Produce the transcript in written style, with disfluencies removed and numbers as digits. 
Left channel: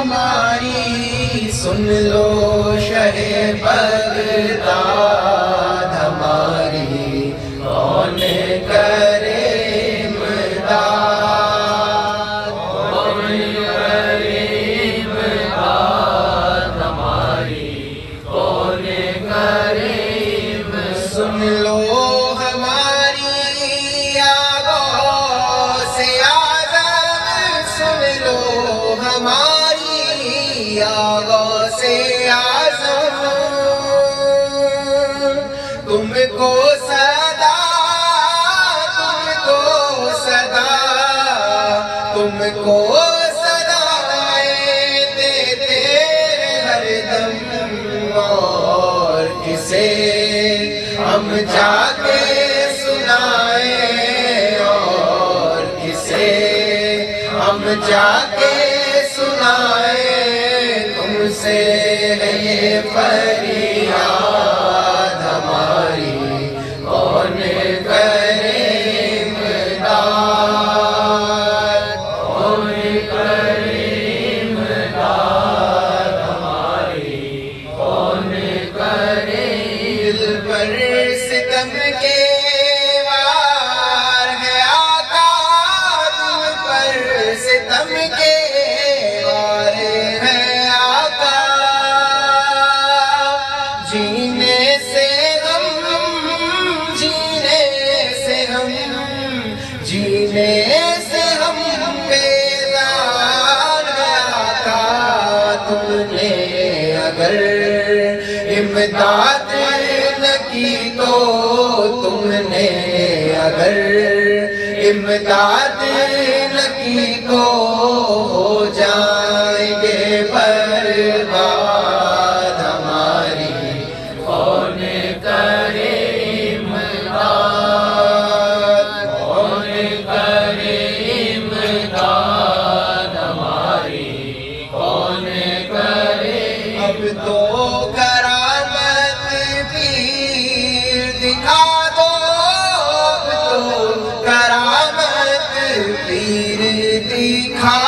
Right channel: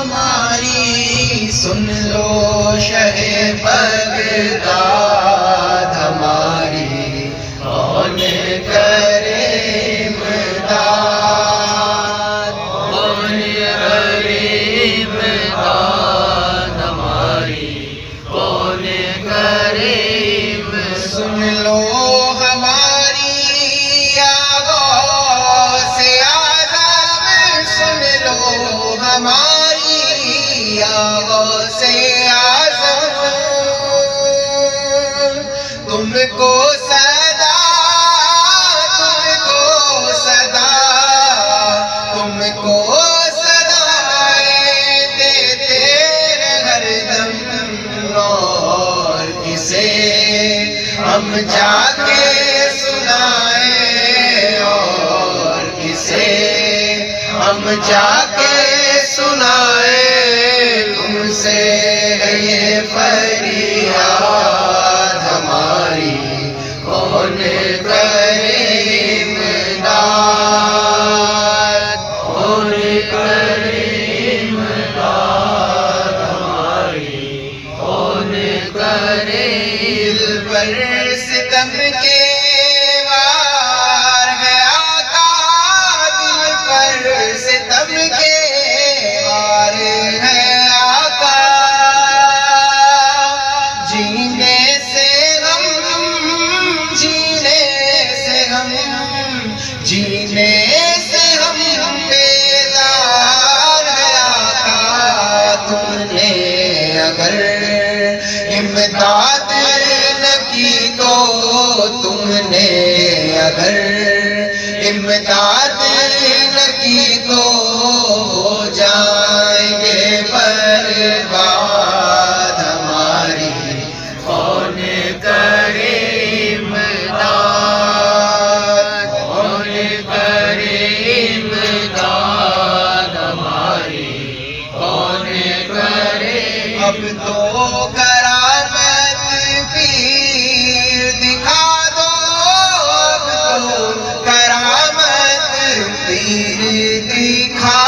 ہماری سن لو شہ بغداد ہماری کون کرے امداد کون کرے امداد ہماری کون کرے سن لو ہماری غوث اعظم سن لو ہماری غوث اعظم تم کو صدا تم کو صدائیں دیتے ہر دم اور کسے ہم جا کے سنائیں اور کسے ہم جا کے سنائیں تم سے ہے یہ فریاد ہماری کون کرے امداد کون کرے امداد ہماری کون کرے دل پر ستم کے وار ہے آقا دل پر ستم کے وار ہے آقا جینے سے ہم بیزار ہے آقا تم نے اگر امداد نہ کی تو تم نے اگر امداد نہ کی تو ہو جائیں گے برباد ہماری کون کرے امداد کون کرے امداد ہماری کون کرے اب تو کرامت پیر دکھا دو اب تو کرامت پیر دکھا